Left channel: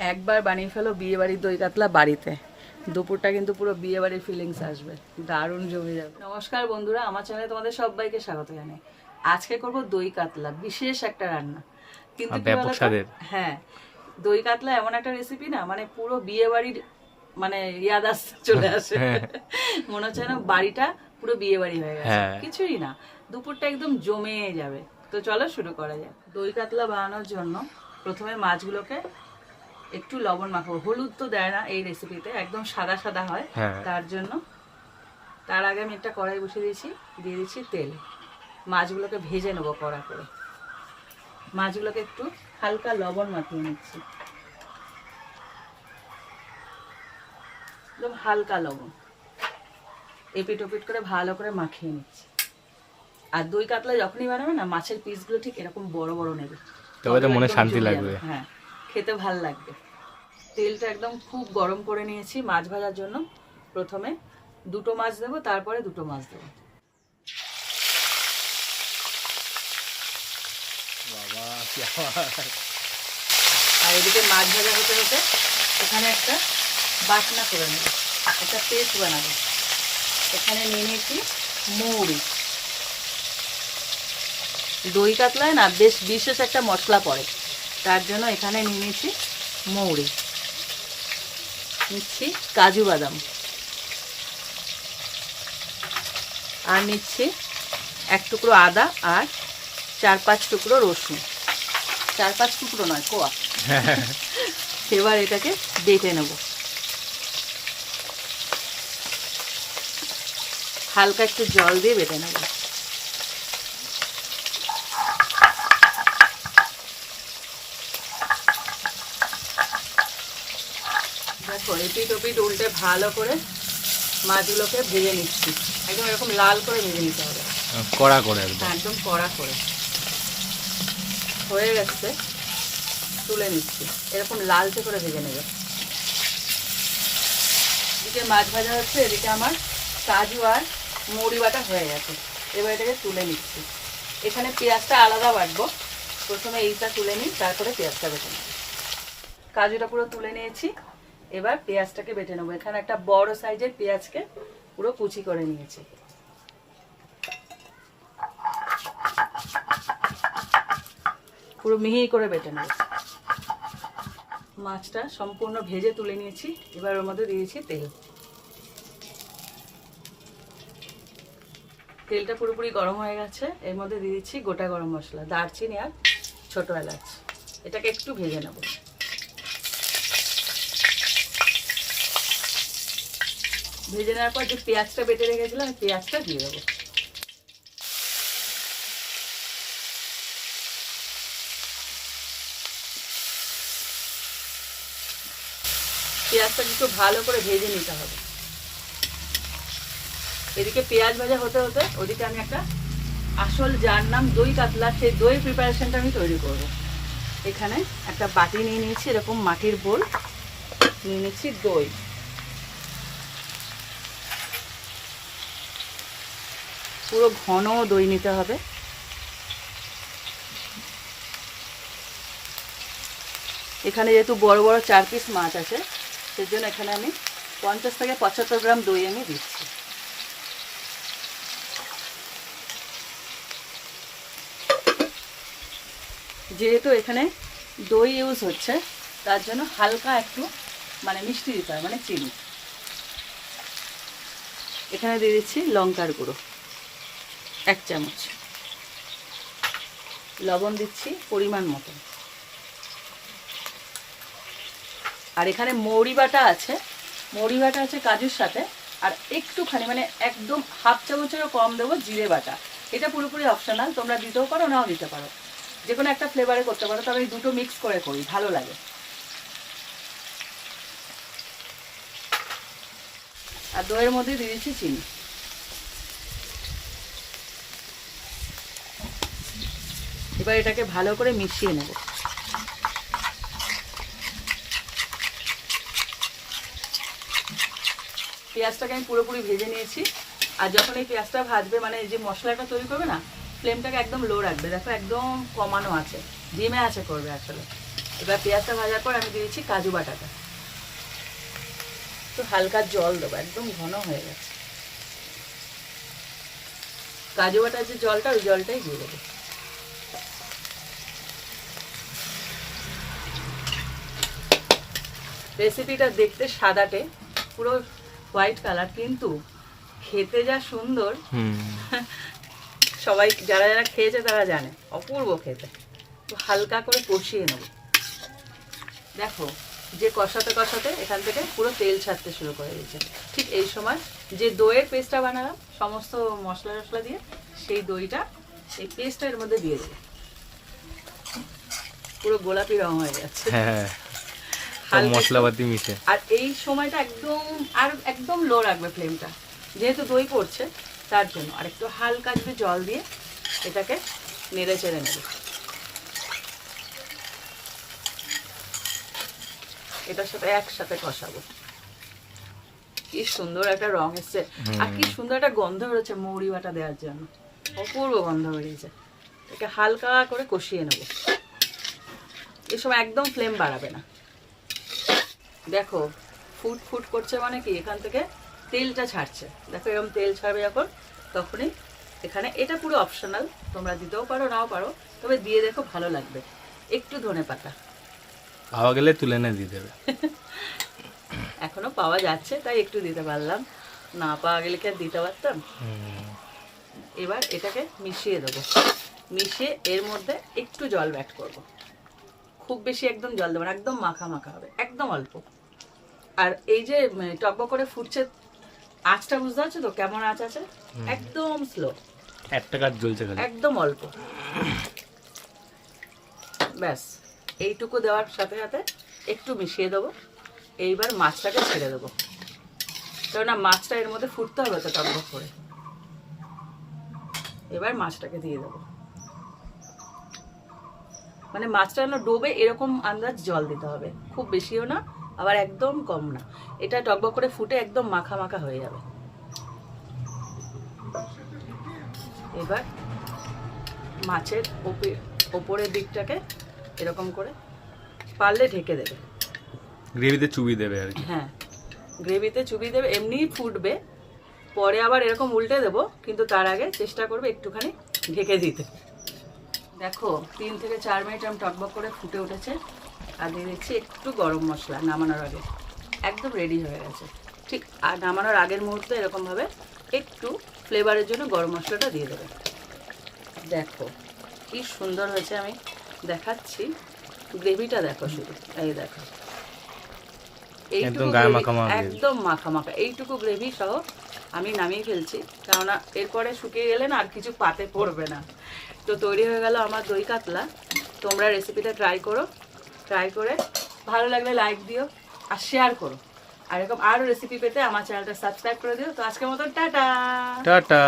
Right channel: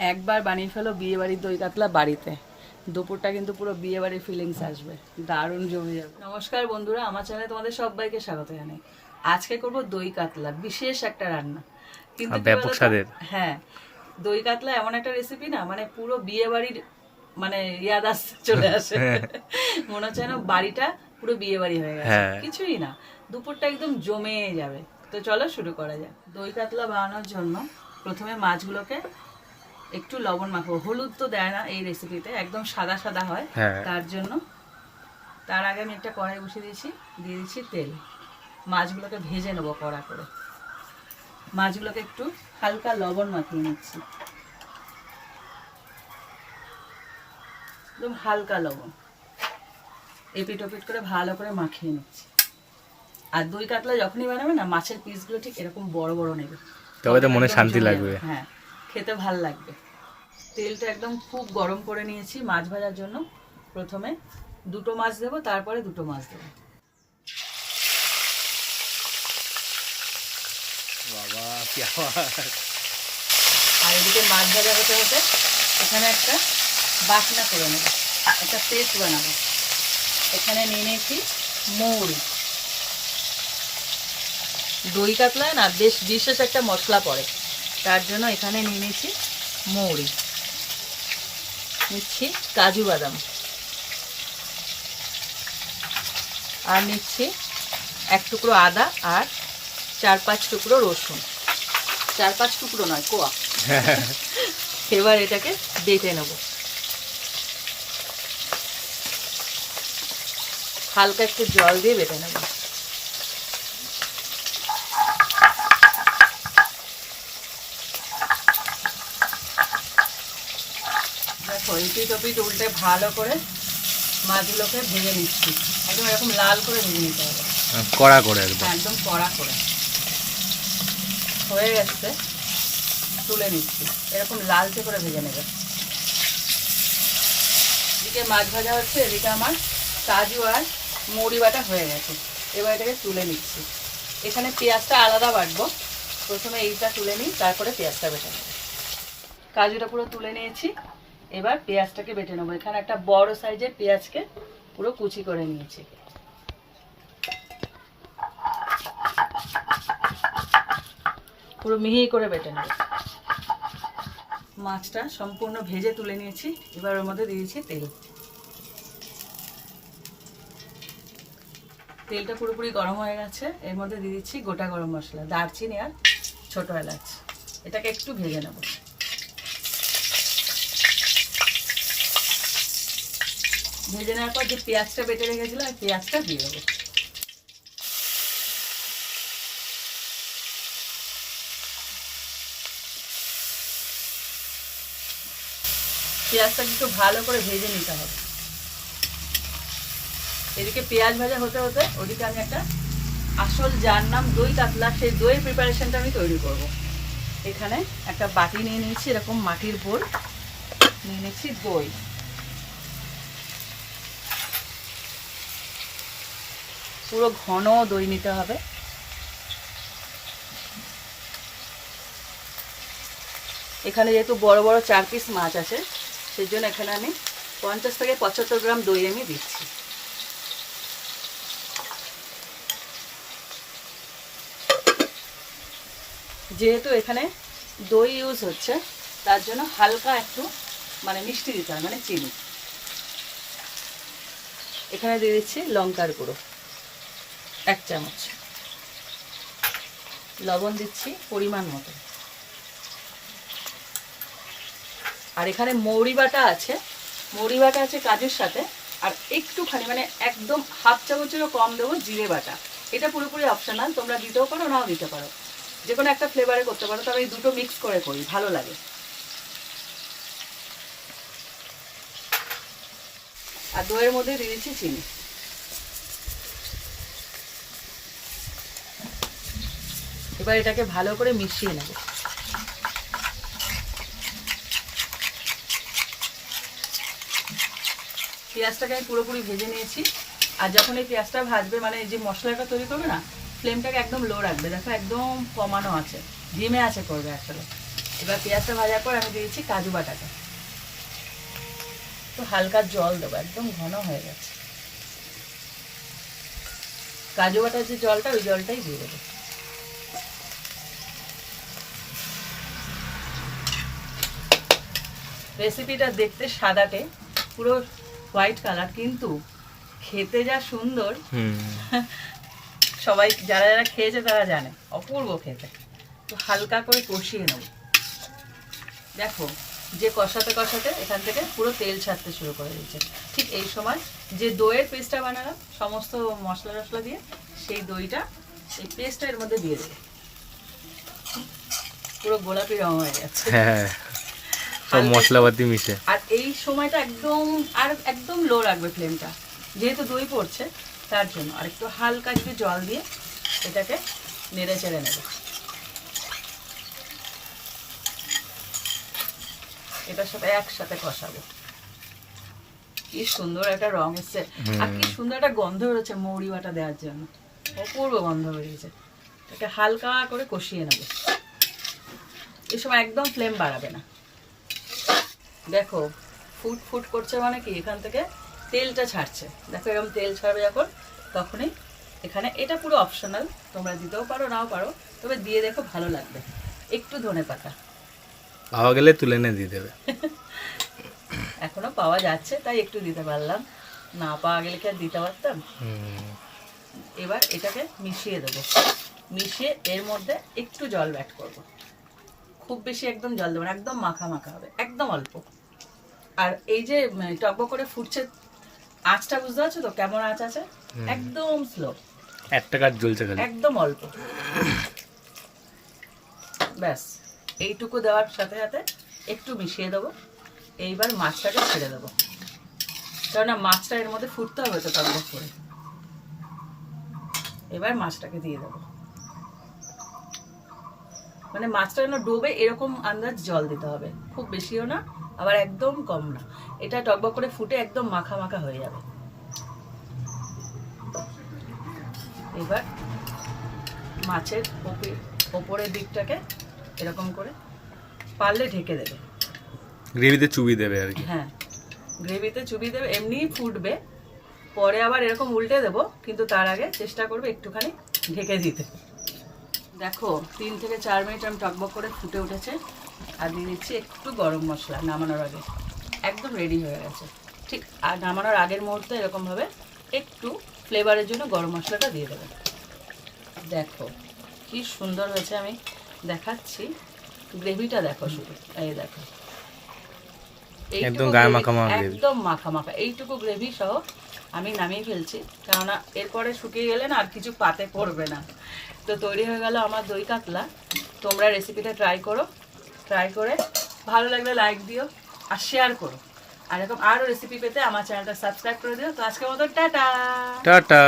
একবার বানিয়ে ফেলো বিয়ে বাড়ির দই কাতলা বাড়িতে। দুপুরটা কিন্তু পুরো বিয়ে বাড়ির ফিলিংস আসবে। দারুণ জমে যাবে। নমস্কার বন্ধুরা আমার চ্যানেলে তোমাদের সবাইকে স্বাগত জানাই। আজকে করব দই কাতলা বিশেষ একটা রান্না। কিন্তু ব্যাপক স্বাদের। হ্যাঁ দই কাতলা এমন একটা রেসিপি না মানে পুরো মানে ইয়াদ আসতে চলে আসে। মনে হচ্ছে না বাড়িটা পুরো বিয়ে বাড়ি হয়ে গেছে। হ্যাঁ। কিছুই না দুপুরটা একদম জমে যাবে। তো চলো শুরু করা যাক। দই কাতলা বানানোর জন্য প্রথমে মাছগুলোকে একটু লবণ মাখাবো হলুদ তো দেয় না এই রেসিপিতে একদম সাদা সাদা হয়। হ্যাঁ। তার জন্য তার আগে আমি একটা কড়াই বসিয়ে দিয়েছি দিয়ে দিচ্ছি তেল। মাছগুলোকে ভেজে নেব কড়া করে। মাছগুলোকে একটু হালকা লবণ মাখিয়ে নিচ্ছি। একদম হালকা লবণ। এপিট ওপিট করে ভালো করে মাখিয়ে নিচ্ছি। আর দই কাতলা যখনই বানাবে না মাছের পিসগুলো ঠিক এরকম বড় বড় নেবে। তবে তো মনে শান্তি লাগবে। হ্যাঁ। খেতে ভালো লাগবে। তেলটা একদম খুব গরম করে নিয়েছি মাছ ভাজার জন্য। প্রথমে দুটো মাছ দেবো তারপরে দুটো মাছ দেবো। বাবা আর এদিকে মাছ ভাজা হতে হতে এখানে একটা বাটনা করে নেব একটা পেস্ট বানাবো। এখানে নিয়ে নিয়েছি মৌরি। দই কাতলায় না বেশ বিশেষ একটা মশলা পড়ে। তার জন্য এখানে নিয়ে নিয়েছি মৌরি নিচ্ছি কাজু বাদাম আর নিচ্ছি এক টুকরো আদা আর চার পাঁচ টুকরো রসুন। চার পাঁচ টুকরো নয় কোয়া। এবার এটাকে বেটে নেব। হালকা একটু জল দিয়ে বেটে নেব। দেখো এপিট ওপিট উল্টে ভালো করে মাছগুলোকে ভেজে নিচ্ছি। একদম এরকম লাল করে ভেজে নিতে হবে। কড়া করে একদম। হ্যাঁ, একদম কড়া করে। হয়ে গেছে তুলে নিচ্ছি। এরকম লালচে করে ভেজে নেবে। এদিকে মাছ ভাজা হচ্ছে এদিকে আমার কাজু আর মুড়ি বাটা হয়ে গেছে। এবার এটাকে তুলে নিচ্ছি। এখানে পেঁয়াজটা আলাদা বাটবো। প্রথমে এইটা তুলে নিই তারপরে পেঁয়াজটা বেটে নেব। কাজুটা পুরো তুলে নিয়েছি। এবার পেঁয়াজটাকে বেটে নেব। এখানে একটা বড় সাইজের পেঁয়াজকে পুরো কুচি করে নিয়েছি। পুরো মিহি করে বেটে নেব। মাছটা সম্পূর্ণ ভেজে তুলে নিয়েছি। এবার ওর মধ্যে দিয়েছি তেল। তেলটা পুরোপুরি গরম হয়ে গেছে। এর মধ্যে দিয়ে দিচ্ছি গোটা গরম মশলা, দারচিনি আর ছোট এলাচ। এটাকে একটু ভেজে নেব। ভেজে নেওয়ার পর যে পেঁয়াজটা বেটে রেখেছিলাম পেঁয়াজটা দিয়ে দেবো। পেঁয়াজটা একটু ভালো করে ভেজে নিতে হবে। এদিকে পেঁয়াজ ভাজা হতে হতে ওদিকে আমি একটা আসল যার নাম দই কাতলা, সেই দইয়ের প্রিপারেশনটা আমি তৈরি করব। এখানে একটা বাটি নিয়ে নিয়েছি, এরকম মাটির বোল। নিয়ে নিচ্ছি দই। পুরো ঘন দই নিতে হবে। এখানে যেহেতু বড় বড় চার পিস মাছ আছে, সেজন্য এখানে আমি পঞ্চাশ থেকে পঁচাত্তর গ্রাম দই আমি দিচ্ছি। যেহেতু এখানে দই ইউজ হচ্ছে, তার জন্য হালকা একটু মানে মিষ্টি দিতে মানে চিনি। এখানে দিয়ে দিচ্ছি লঙ্কার গুঁড়ো। এক চামচ। লবণ দিচ্ছি পরিমাণ মতো। আর এখানে মৌরি বাটা আছে। মৌরি বাটা আছে কাজুর সাথে। আর একটুখানি মানে একদম হাফ চামচেরও কম দেবো জিরে বাটা। এটা পুরোপুরি অপশনাল তোমরা দিতেও পারো, নাও দিতে পারো। যে কোনো একটা ফ্লেভারে করতে পারো, তবে এই দুটো মিক্স করে করি, ভালো লাগে। আর দইয়ের মধ্যে দিয়ে দিচ্ছি চিনি। এবার এটাকে ভালো করে মিশিয়ে নেব। পেঁয়াজটাকে আমি পুরোপুরি ভেজে নিয়েছি। আর যখন এই পেঁয়াজটা ভাজবে মানে যে মশলাটা তৈরি করবে না, ফ্লেমটাকে একদম লো রাখবে। দেখো একদম কমানো আছে ডিমে আছে করবে আসলে। এবার পেঁয়াজটা ভাজার পর আমি দিয়েছি কাজু বাটাটা। একটু হালকা জল দেবো, একদম ঘন হয়ে গেছে। কাজু বাটার যে জলটা, ওই জলটাই দিয়ে দেবো। রেসিপিটা দেখতে সাদাটে পুরো হোয়াইট কালার কিন্তু খেতে যা সুন্দর হুম। সবাই যারা যারা খেয়েছে তারা জানে অপূর্ব খেতে। হালকা করে কষিয়ে নেব। দেখো যে কষাতে কষাতে এখান থেকে পুরো তেল ছাড়তে শুরু করে দিচ্ছে ঠিক এই সময় যে দইয়ের পেস্টটা বানালাম সমস্ত মশলা টশলা দিয়ে সেই দইটা এই পেস্টটা এর মধ্যে দিয়ে দেবো। পুরো গোলাপি রং হয়ে যাচ্ছে হ্যাঁ। সব মশলাপাতি মিশে। আর এই সময়টা একদম আর একদম লো রাখবে ফ্লেমটা যেহেতু দই পড়ছে তার জন্য। আর একটু হালকা একটু জল দিয়ে এটাকে নেড়ে চেড়ে নেবে। এটার সাথে একসাথে কষাবো। কি সুন্দর একটা রং এসছে। আর কি সুন্দর একটা গন্ধ বেরোচ্ছে মৌরি বাটা দেওয়ার জন্য। অপূর্ব গন্ধ বেরিয়েছে। এটা হালকা করে কষিয়ে নেবে। এই সময় একদম ফ্লেম বাড়াবে না। দেখো ফুট ফুট করছে মানে কি? এখান থেকে তেলটা ছাড়ছে। দেখো এরকম তেল ছাড়বে যখন তখনই এখানে এটা পুরো অপশনাল তোমরা দিতেও পারো নাও পারো তবে দিয়ে দেখো ভালো লাগবে। একটু ধনে পাতা। পাওয়া গেলে তুলে এনে দিয়ে দেবে। এখনও পাওয়া যাচ্ছে তাই একটু দিতে পারলাম। না পাওয়া গেলে কি আর দিতে পারতাম? হুম। এবার এটাকে মিশিয়ে দেবো। মিশিয়ে এর মধ্যে একটু জল ব্যাট করব। খুব বেশি একদম জল দেবো না একদম মাখা মাখা হবে একদম অল্প। আর এই যে মানে, টকবক করে ফুটছে আঁচটা বুঝতে পারছ তো কেমন আঁচ আছে? একদম স্লো একটা জ্বলছে একদম অল্প। ব্যাস এইটুকু দেওয়ার সাথে সাথে একটু মিশিয়ে দেবো। এইবার মাছটাকে ছেড়ে দেবো। কেননা মাছটা এর মধ্যে ফুটতে হবে তো টকবক করে। এবার মাছটাকে দিয়ে দেবো। মানে মাছটা যেন ডোবে এরকম আন্দাজ জল দিতে হবে। খুব বেশিও না আবার একদম কম না। এটা টকবক করে ফুটে একদম মাখা মাখা হয়ে যাবে। এবার মাছের ওপে ওপরের দিকটাকে এরকম করে পারলে ঢেকে দেবে। গ্রেভিতে চুবি দেবে আর কি। হ্যাঁ গ্রেভিতে চুবি দেবে এমনিই ফুটবে। পরে আবার এরকম উল্টে দেবো কিন্তু তার আগে চেষ্টা করবে একটুখানি ঢেকে দিতে। দেখো তিন থেকে চার মিনিট আমি টকবক করে ফুটে উঠেছে। আর দিয়ে দিচ্ছি একটু গরম মশলা নামানোর আগে। একদম রেডি হয়ে গেছে। ঠিক আর নামানোর আগের মুহূর্তে এরকমভাবে একটু ফ্লেভারের জন্য গরম মশলাটা দিয়ে দেবে। দেখো কি সুন্দর হয়েছে আমি দেখাচ্ছি। গ্রেভিটা দেখো শুধু এই দেখো। একদম গায়ে মাখা মাখা একদম মাখা মাখা। এইটুকু গ্রেভি সহ আমি নামিয়ে ফেলছি। কেননা এরপরে শুকিয়ে গেলে না আর কিছু পাতে পড়বে না। তো তৈরি হয়ে গেল আমার দই কাতলা। তোমরা রেসিপিটা ট্রাই করো। ট্রাই করে। ভালো লাগলে লাইক দিও আর শেয়ার করো। আর এরকম আরও রেসিপি পেতে আমার চ্যানেলটা সাবস্ক্রাইব করে দিও। তো আজকের মতো টাটা! টাটা!